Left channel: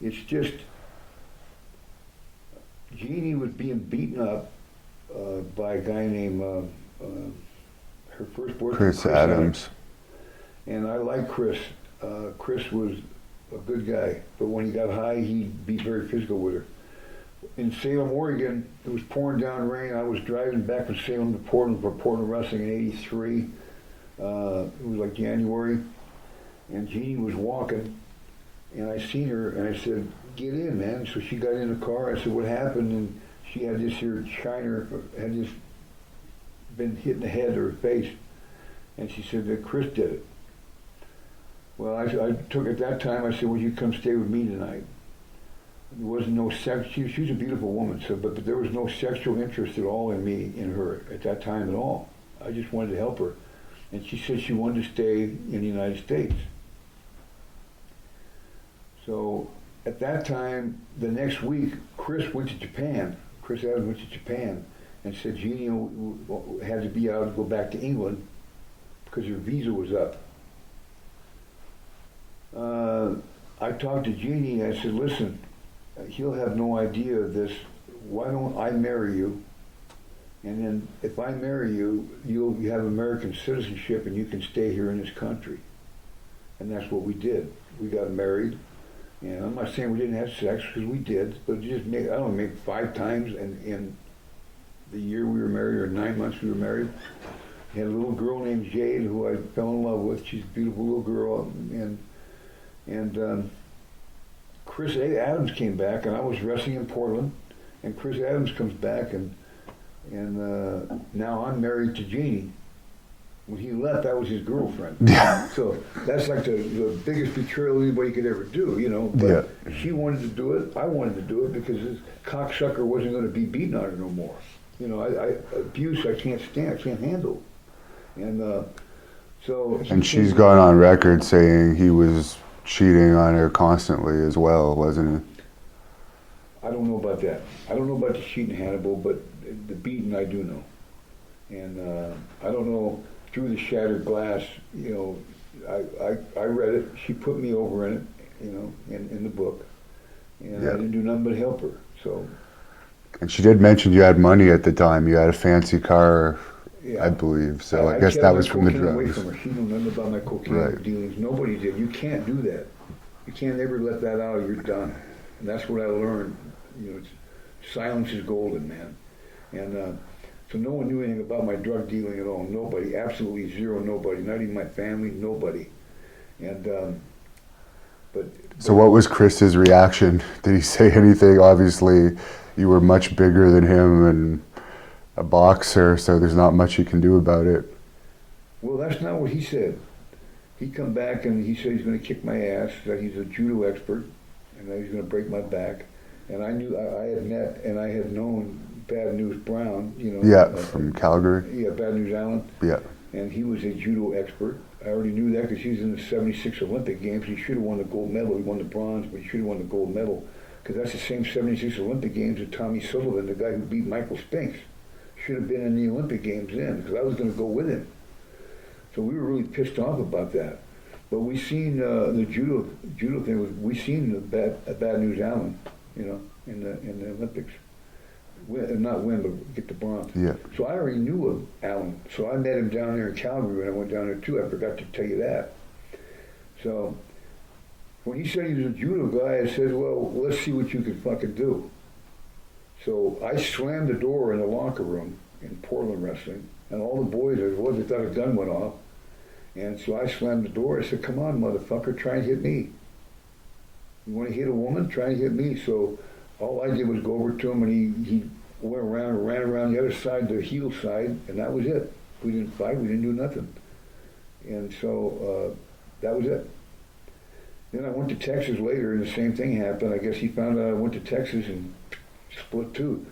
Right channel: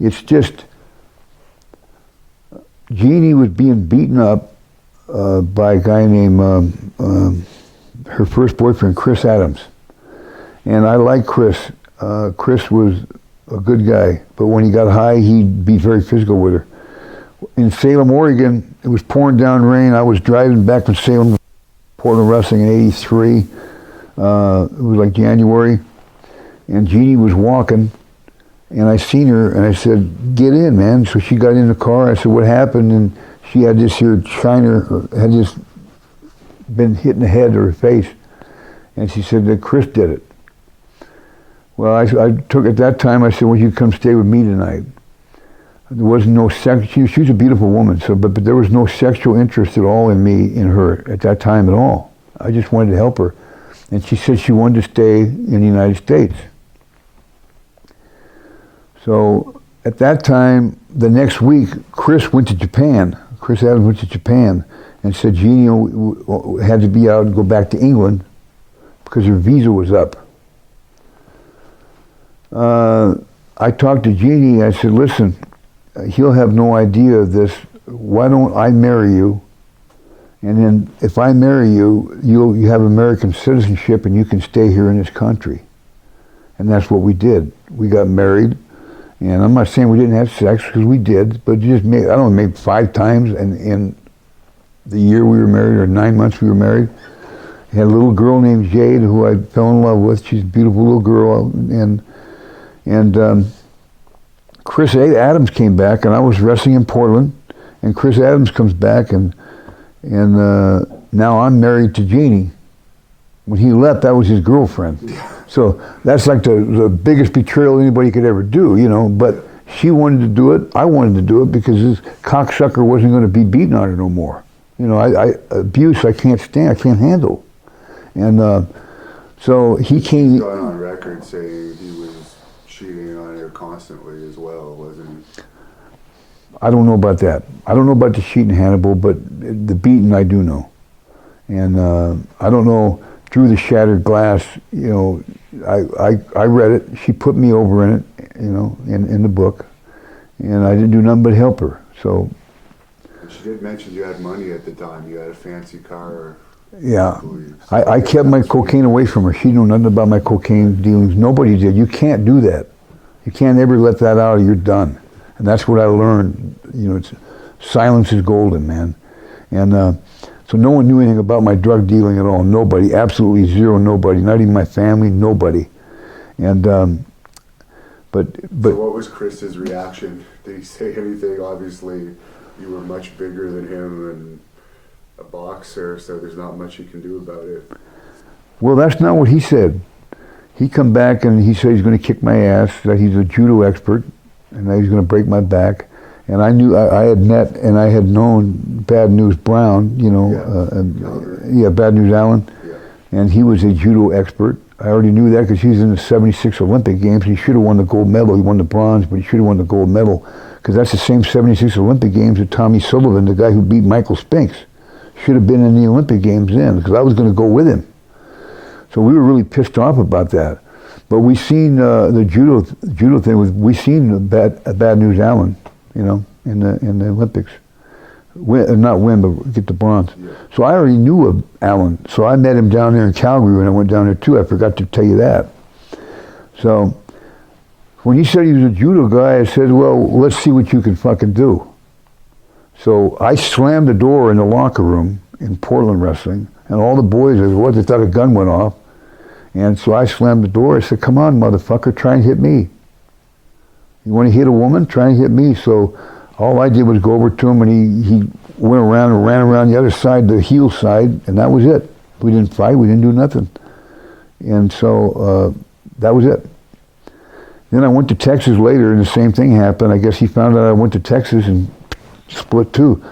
It's just, Jeanie was being beaten up by a guy named, her first boyfriend, Chris Adams. And I like Chris. Chris was a good guy, but when he got high, he'd be very physical with her. In Salem, Oregon, it was pouring down rain. I was driving back from Salem to Portland for Portland Wrestling in '83. It was like January, and Jeanie was walking, and I seen her, and I said, "Get in, man." So she got in the car. I said, "What happened?" And she had this here shiner, had just been hit in the head or her face, and she said that Chris did it. Well, I took, at that time, I said, "Well, you come stay with me tonight." There was no sex. She was a beautiful woman, so but there was no sexual interest at all in me, in her, at that time at all. I just wanted to help her. And she said she wanted to stay in the United States. So at that time, the next week, Chris went to Japan. Chris Adams went to Japan and said Jeanie had to be out and go back to England because her visa was up. I talked to Jeanie. I said, "Listen, he'll have no idea of this. Why don't I marry you? And then if I marry you, you have American citizenship and you can stay here in this country." And that's what we did. We got married. And I'm not saying we didn't have sex, because we did, but just made, I don't know, maybe 5 times in the year we were married, or 9 months we were married. I had a little girl named Jade who I fell in love with. She's a beautiful little girl. And Chris Adams came back, and I was wrestling in Portland, and Chris Adams comes back, and now I'm married to Jeanie. When he left, that was his girlfriend. Yeah. So that's like the biggest betrayal anybody could ever do, you know. But yeah, she wanted to do it. I wanted to do it because this cocksucker wasn't going to be beating on her no more. You know, abuse I can't stand. I can't handle. And so he came. She's gone on record saying he was cheating on her constantly as well, wasn't he? I don't know about that. I don't know about the cheating, Hannibal, but the beating I do know. And I don't know. Through the shattered glass, you know, I read it. She put me over in it, you know, in the book, and I didn't do nothing but help her. So. And she did mention you had money at the time. You had a fancy car, yeah, I believe. So I kept my cocaine away from her. She knew nothing about my cocaine dealings. Nobody did. You can't do that. You can't ever let that out or you're done. And that's what I learned. You know, silence is golden, man. And. So no one knew anything about my drug dealing at all. Nobody, absolutely zero, nobody. Not even my family, nobody. And but so what was Chris's reaction? Did he say anything? Obviously, you were much bigger than him and a boxer, so there's not much you can do about it. Well, that's not what he said. He come back and he said he's going to kick my ass. That he's a judo expert, and that he's going to break my back. And I knew, I had met and I had known Bad News Brown, you know. Yeah, from Calgary. Yeah, Bad News Allen. Yeah. And he was a judo expert. I already knew that because he was in the '76 Olympic Games. He should have won the gold medal. He won the bronze, but he should have won the gold medal because that's the same '76 Olympic Games that Tommy Sullivan, the guy who beat Michael Spinks, should have been in the Olympic Games then because I was going to go with him. So we were really pissed off about that. But we seen the judo thing. We seen Bad News Allen. You know, in the Olympics, not win, but get the bronze. Yeah. So I already knew of Alan. So I met him down there in Calgary when I went down there too. I forgot to tell you that. So when he said he was a judo guy, I said, "Well, let's see what you can fucking do." So I slammed the door in the locker room in Portland Wrestling, and all the boys, they thought a gun went off. And so I slammed the door. I said, "Come on, motherfucker, try and hit me. You want to hit a woman? Try and hit me." So all I did was go over to him, and he went around and ran around the other side, the heel side, and that was it. We didn't fight. We didn't do nothing. And so that was it. Then I went to Texas later, and the same thing happened. I guess he found out I went to Texas and split too.